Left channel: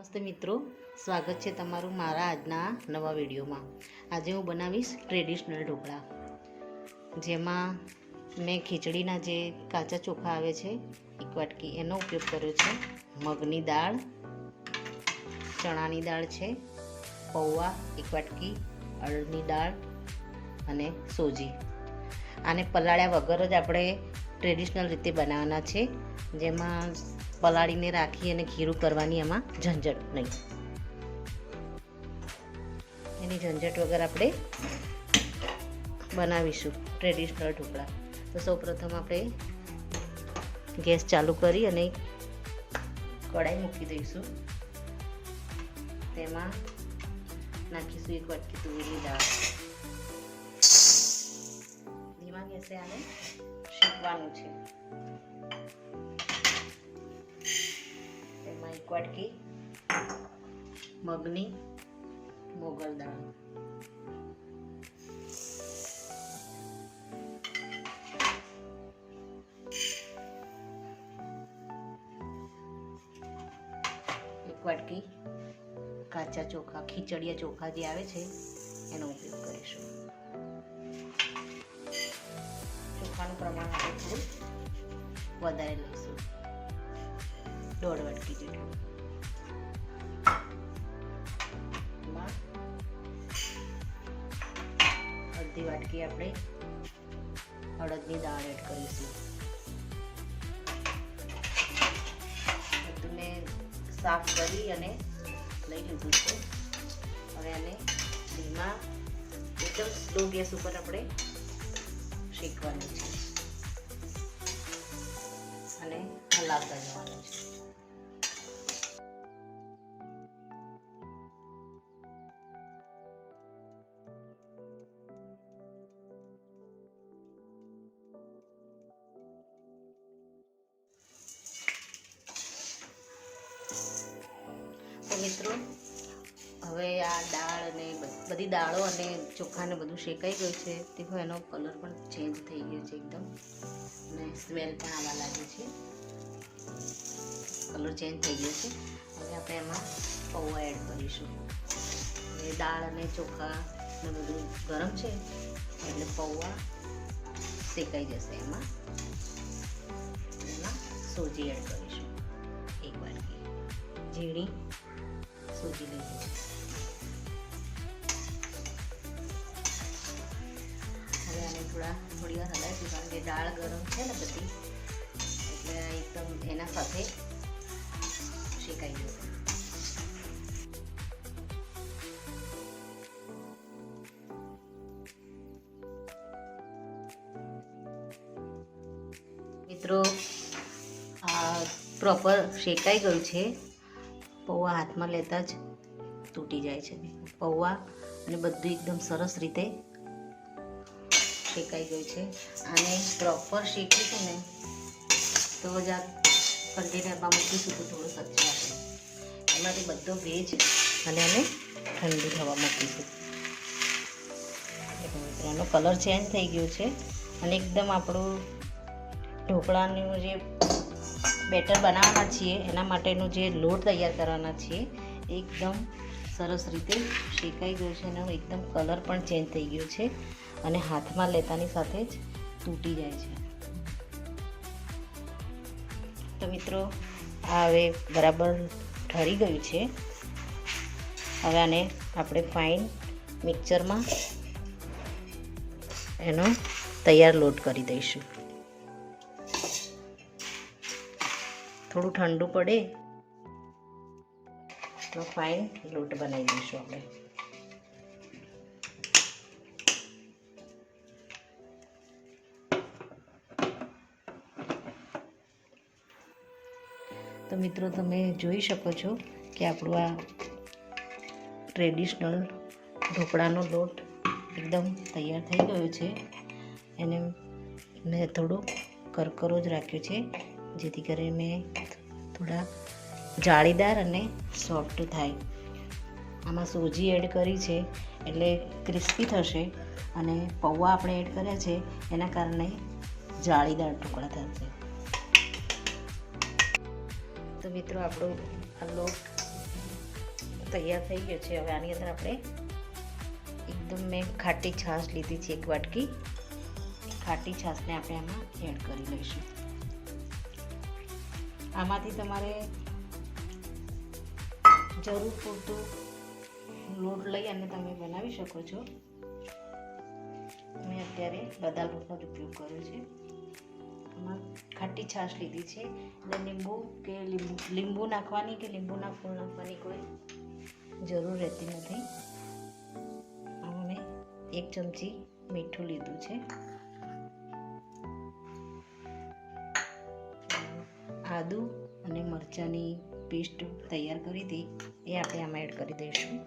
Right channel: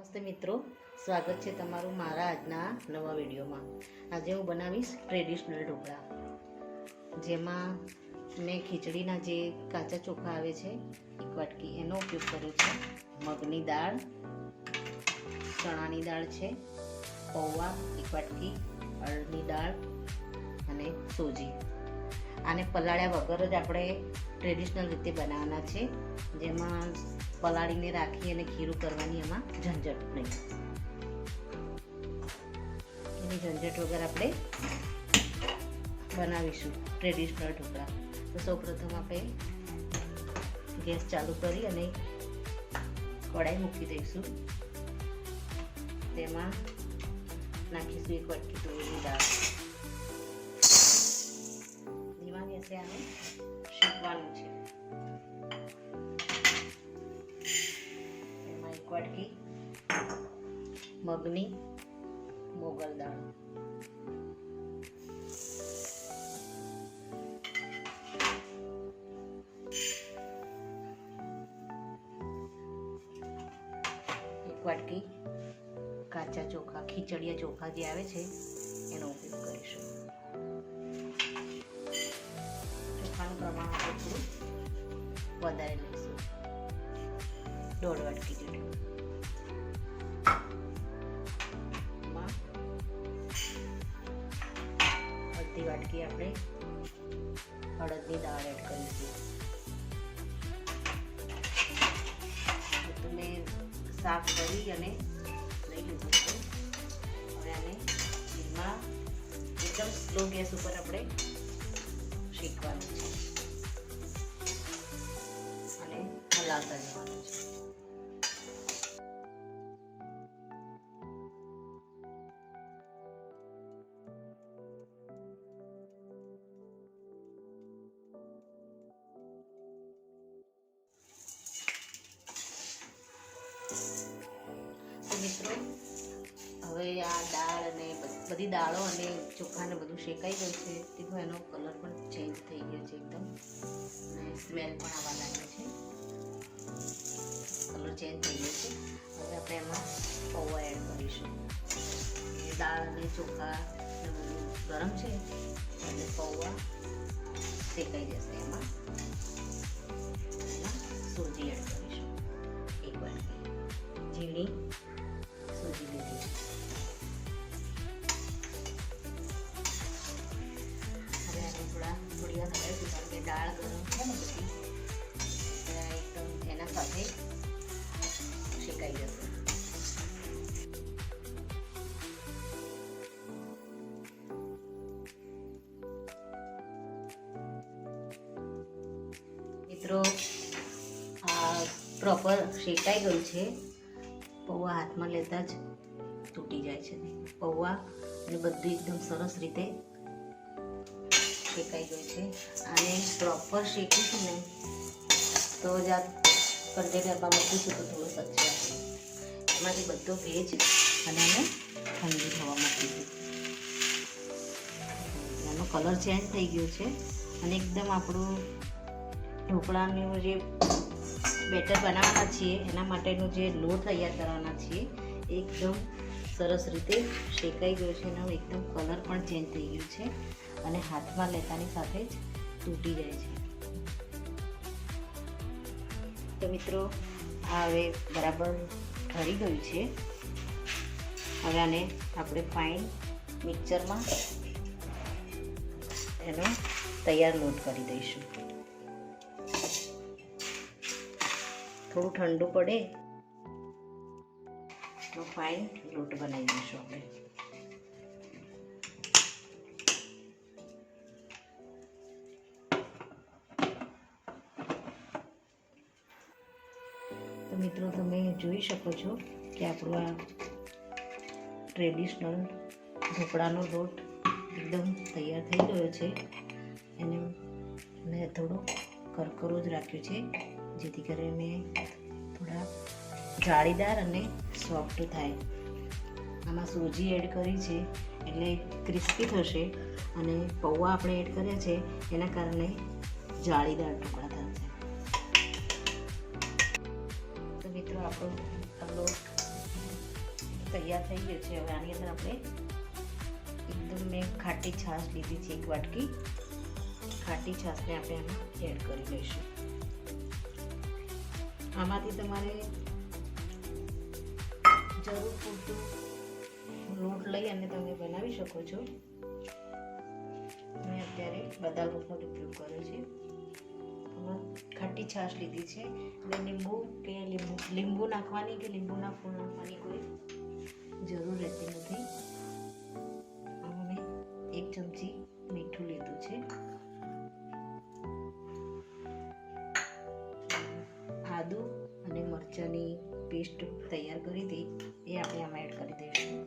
નમસ્તે મિત્રો, સ્વાગત છે તમારું મારા આજના નવા વિડીયોમાં. આજે હું બનાવીશ ટ્રેડિશનલ ઢોકળા. જેમાં મેં ખીચડીના જે કાચા ચોખા આવે છે, એક વાટકી, એનો ઉપયોગ કર્યો છે. મગની દાળ, ચણાની દાળ છે, પૌવા, એક વાટકી, અળની દાળ અને સોજી. આને પલાળ્યા વગર જ આપણે ટ્રેડિશનલ રીતે બનાવવાના છે. જેમાં પલાળીને રાખી અને ખીરું કરવાની આમાં ઝંઝટ નહીં. એની ઝંઝટ વગર આપણે બનાવીશું ટ્રેડિશનલ ઢોકળા. તો સૌપ્રથમ આપણે ગેસ ચાલુ કરી અને કડાઈ મૂકી દઈશું. તેમાં નાખીશું એક વાટકી તુવેરની દાળ. એમાં મગની, મોગલ દાળ. એક વાટકી કાચા ચોખા, ખીચડિયા ચોખા જે આવે છે, એનો ઉપયોગ કરીશું. ચોખાનું પ્રમાણ આપણે વધારે લઈશું. દોઢ વાટકી જેટલું. વાટકી આપણે અડદની દાળ એડ કરીશું મેં સાફ કરી અને લઈ લીધું છે. હવે આને ધીમા, એકદમ સ્લો ગેસ ઉપર આપણે શેકવાનું છે. અને હલાવતા જવાનું છે. તો મિત્રો, હવે આ દાળ અને બધી દાળો અને ચોખાને બધું શેકાઈ ગયું છે, તેથી એનો કલર પણ ચેન્જ થઈ ગયો છે એકદમ. અને સ્મેલ પણ આવવા લાગે છે. કલર ચેન્જ થઈ ગયો છે. હવે આપણે એમાં પૌવા એડ કરીશું. એ દાળ અને ચોખા બધું ગરમ છે, એટલે પૌવા શેકાઈ જશે એમાં. સૂજી એડ કરીશું. ઝીણી સોજી લીધી હવે આને થોડા થોડી વાર હલાવીશું કારણ કે દાળ ગરમ છે ને બધી એટલે એકદમ એના સાથે શેકાઈ જશે મિત્રો પ્રોપર શેકાઈ ગયું છે હાથમાં લેતા જ તૂટી જાય છે. પૌવા અને બધું એકદમ સરસ રીતે શેકાઈ ગયું છે. આને પ્રોપર શેકીશું ને, તો જ આ કન્ટેનરમાં મૂકીશું તો થોડું સચવાશે એમાંથી બધો ભેજ અને અમે ઠંડુ થવા મૂકીશું એનો કલર ચેન્જ થઈ ગયું છે. અને એકદમ આપણું ઢોકળાનું જે બેટર બનાવવાના છીએ, એના માટેનો જે લોટ તૈયાર કરવાના છીએ, એકદમ સરસ રીતે શેકાઈ ગયો છે એનો એકદમ કલર પણ ચેન્જ થઈ ગયો છે અને હાથમાં લેતાની સાથે જ તૂટી જાય છે. તો મિત્રો, આ હવે બરાબર ઠરી ગયું છે. હવે આને આપણે ફાઇન મિક્સરમાં એનો તૈયાર લોટ કરી દઈશું. થોડું ઠંડુ પડે તો ફાઇન લોટ બનાવી દઈશું આપણે. તો મિત્રો, તમે જોઈ શકો છો કે આપણું આ ટ્રેડિશનલ ઢોકળાનો લોટ એકદમ તૈયાર થઈ ગયો છે. એને મેં થોડો કરકરો જ રાખ્યો છે. જેથી કરીને થોડા જાળીદાર અને સોફ્ટ થાય. આમાં સોજી એડ કરી છે એટલે ક્રિસ્પી થશે અને પૌવા આપણે એડ કર્યા છે, એના કારણે જાળીદાર ટુકડા થશે. તો મિત્રો આપણો આ તૈયાર થઈ ગયો છે. હવે આની અંદર આપણે એકદમ મેં ખાટી છાશ લીધી છે, એક વાટકી. ખાટી છાશને આપણે આમાં એડ કરી લઈશું. આમાંથી તમારે જરૂર પૂરતું લોટ લઈ અને તમે બનાવી શકો છો. મેં અત્યારે બધા લોટનો ઉપયોગ કર્યો છે. ખટ્ટી ખાટી છાશ લીધી છે. એટલે લીંબુ કે લીંબુ લીંબુ નાખવાની કે લીંબુના ફૂલ નાખવાની કોઈ જરૂર રહેતી નથી. મેં એક ચમચી મીઠું લીધું છે. પેસ્ટ તૈયાર કરી હતી એ આપણે આમાં એડ કરી દઈશું.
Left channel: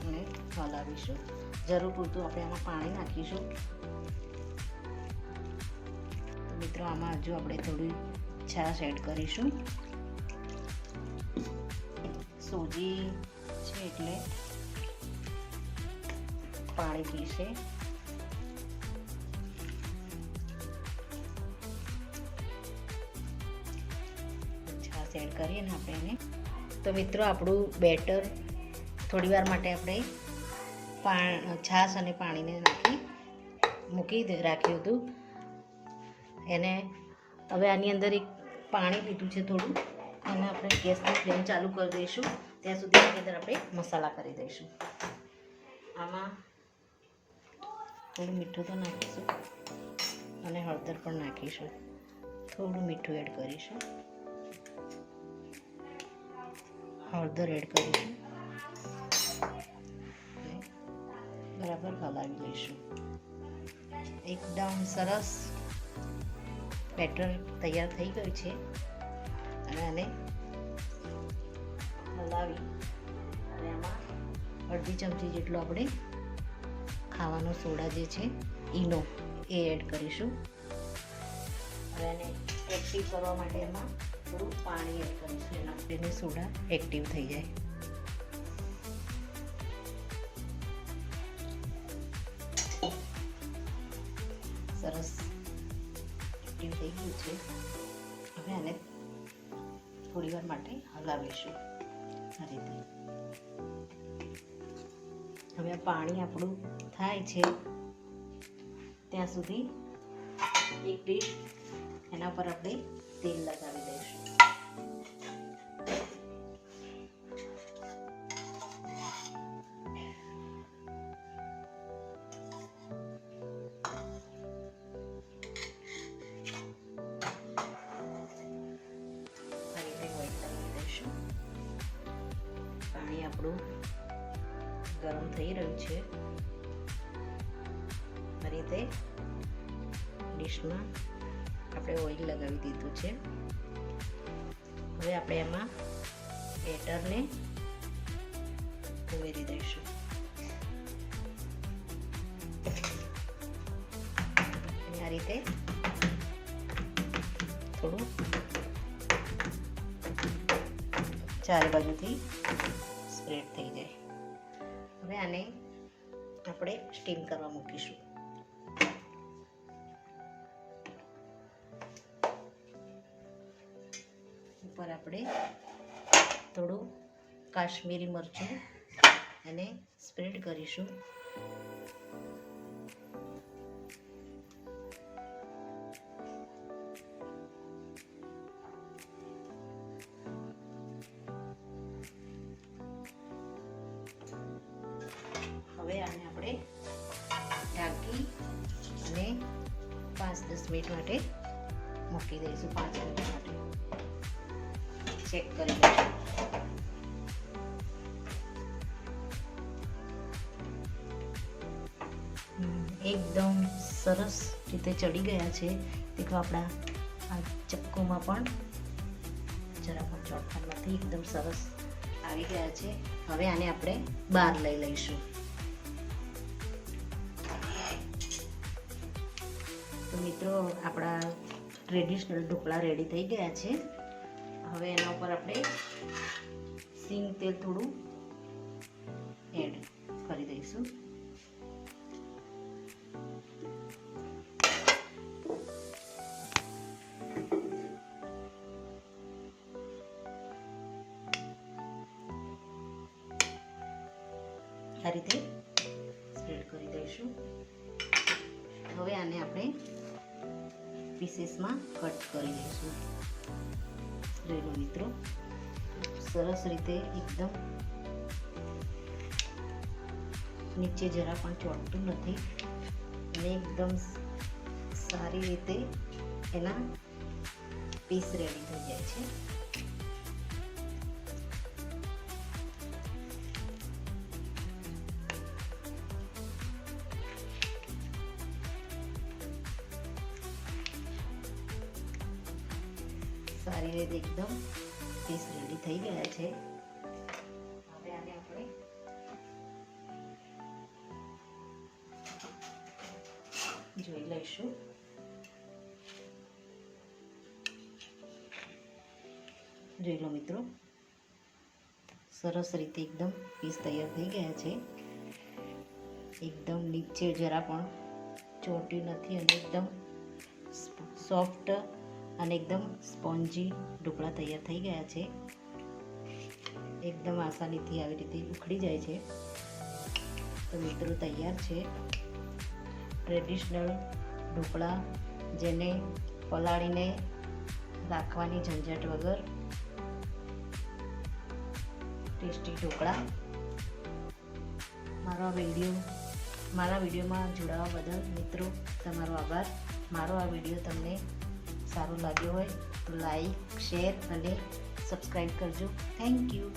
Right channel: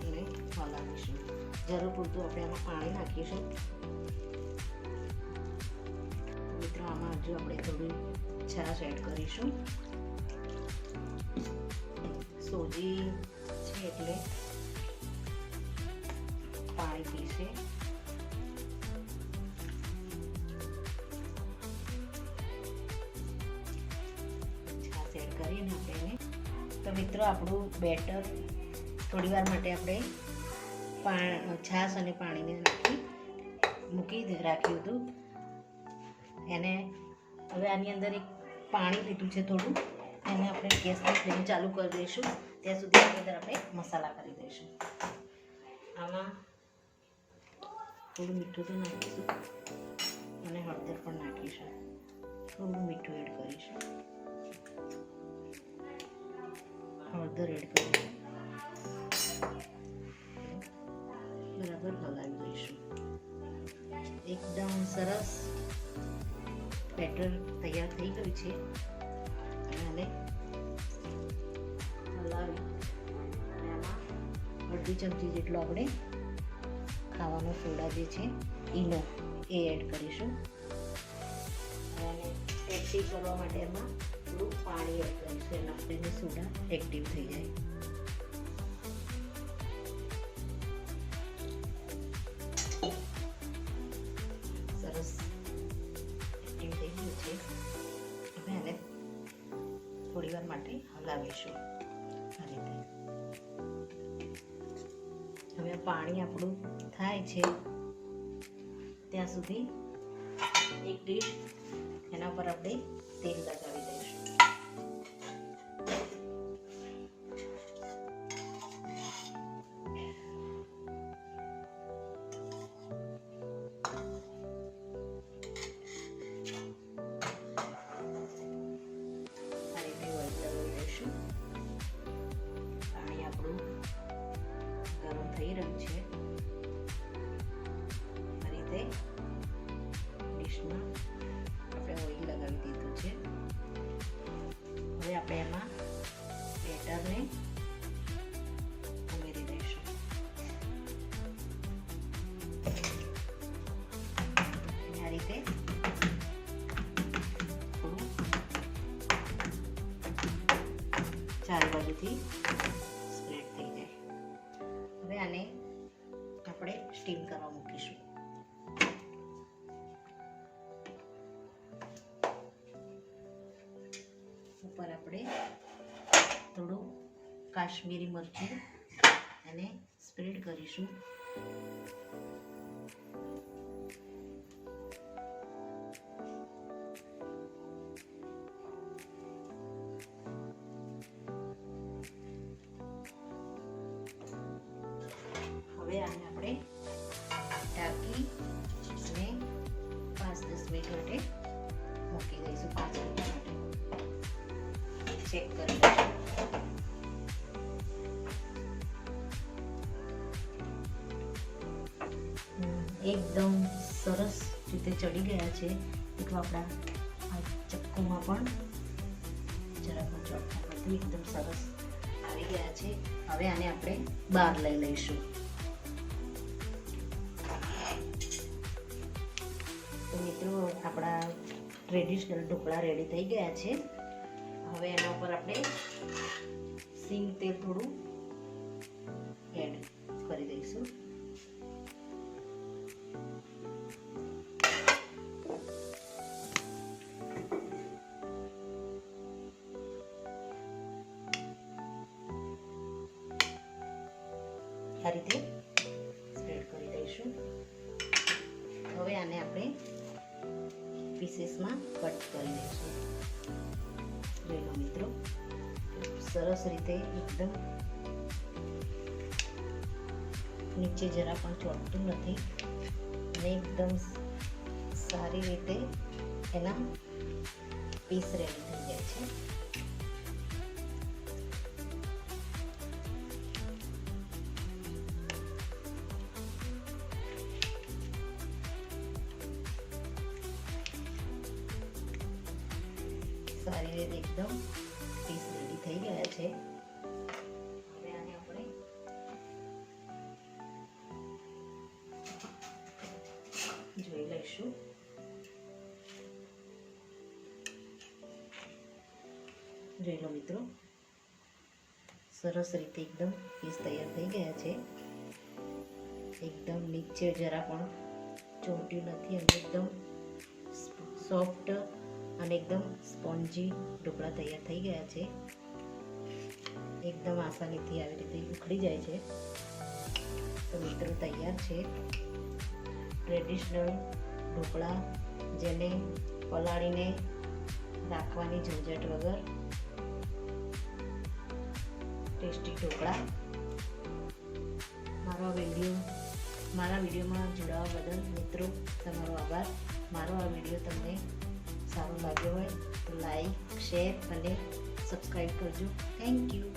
અને હલાવીશું જરૂર પૂરતું આપણે આમાં પાણી નાખીશું. મિત્રો, આમાં હજુ આપણે થોડી છાશ એડ કરીશું. કરીએ ને આપણે એને. તો મિત્રો, આપણું બેટર થોડી વાર માટે આપણે છાશ અને પાણીને નાખી મૂકી રાખ્યું હતું. એને હવે આની અંદર એક પાણી પીધું છે થોડું. એને આપણે ગેસની ફ્લેમ ચાલુ કરી દઈશું. ત્યાં સુધી એની અંદર આપણે મસાલા કરી દઈશું. આમાં થોડું મીઠું તો નાખીશું. અને હળદર પણ નાખીશું. થોડું મીઠું એડ કરીશું. હળદર એડ કરીશું બરાબર હલાવી દઈશું એકદમ સરસ બેટર તૈયાર થઈ ગયું છે અને આને હલાવી અડધી ચમચી જેટલો આપણે ખાવાનો સોડા જે છે ઈનો એ એડ કરીશું અને એને કરવા માટે એમાં થોડું પાણી એડ કરીશું. એના માટે સોડા એક્ટિવ થઈ જાય. સરસ. એક્ટિવ થઈ ગયું છે. હવે આને થોડી વાર માટે હલાવીશું. આ રીતે. હવે પાણી આપણું થાય છે. ત્યાં સુધી એક ડીશ એના પર આપણે તેલ લગાવી છે. આ રીતે ડીશમાં આપણે ઓઇલ લગાવી દીધું છે. હવે આપણે એમાં બેટરને ઉમેરી દઈશું. આ રીતે થોડું ચારે બાજુથી કાશ્મીરી મરચું અને સ્પ્રેડ કરીશું. હવે આને આપણે ઢાંકી અને પાંચ દસ મિનિટ માટે મૂકી દઈશું પાંચ મિનિટ માટે. ચેક કરી લઈશું. એકદમ સરસ રીતે ચડી ગયા છે. એક આપણા આ ચક્કોમાં પણ જરા પણ એકદમ સરસ આવી ગયા છે. હવે આને આપણે બહાર લઈ લઈશું. તો મિત્રો, આપણા ટ્રેડિશનલ ઢોકળા રેડી થઈ ગયા છે. હવે એના ઉપર આપણે સિંગ તેલ થોડું એડ રીતે સ્પ્રેડ કરી દઈશું. હવે આને આપણે પીસીસમાં કટ કરી દઈશું. રેડો મિત્રો, સરસ રીતે એકદમ નીચે જરા પણ ચોટતું નથી અને એકદમ સારી રીતે એના પીસ રેડી થઈ જાય છે. સારી રીતે એકદમ પીસ રેડી થઈ ગયા છે. જોઈ લઈશું. જોઈ લો મિત્રો. સરસ રીતે એકદમ પીસ તૈયાર થઈ ગયા છે. એકદમ નીચે જરા પણ ચોટ્યું નથી અને એકદમ સોફ્ટ અને એકદમ સ્પોન્જી ઢોકળા તૈયાર થઈ ગયા છે. એકદમ આસાનીથી આવી રીતે ઉખડી જાય છે. તો મિત્રો તૈયાર છે. ટ્રેડિશનલ ઢોકળા જેને પલાળીને રાખવાની ઝંઝટ વગર. ટેસ્ટી ઢોકળા. મારો વીડિયો મારા વિડીયોમાં જોડાવા બદલ મિત્રો તમારો આભાર. મારો આ વીડિયો તમને સારો લાગ્યું હોય તો લાઈક શેર અને સબસ્ક્રાઈબ કરજો. Thank you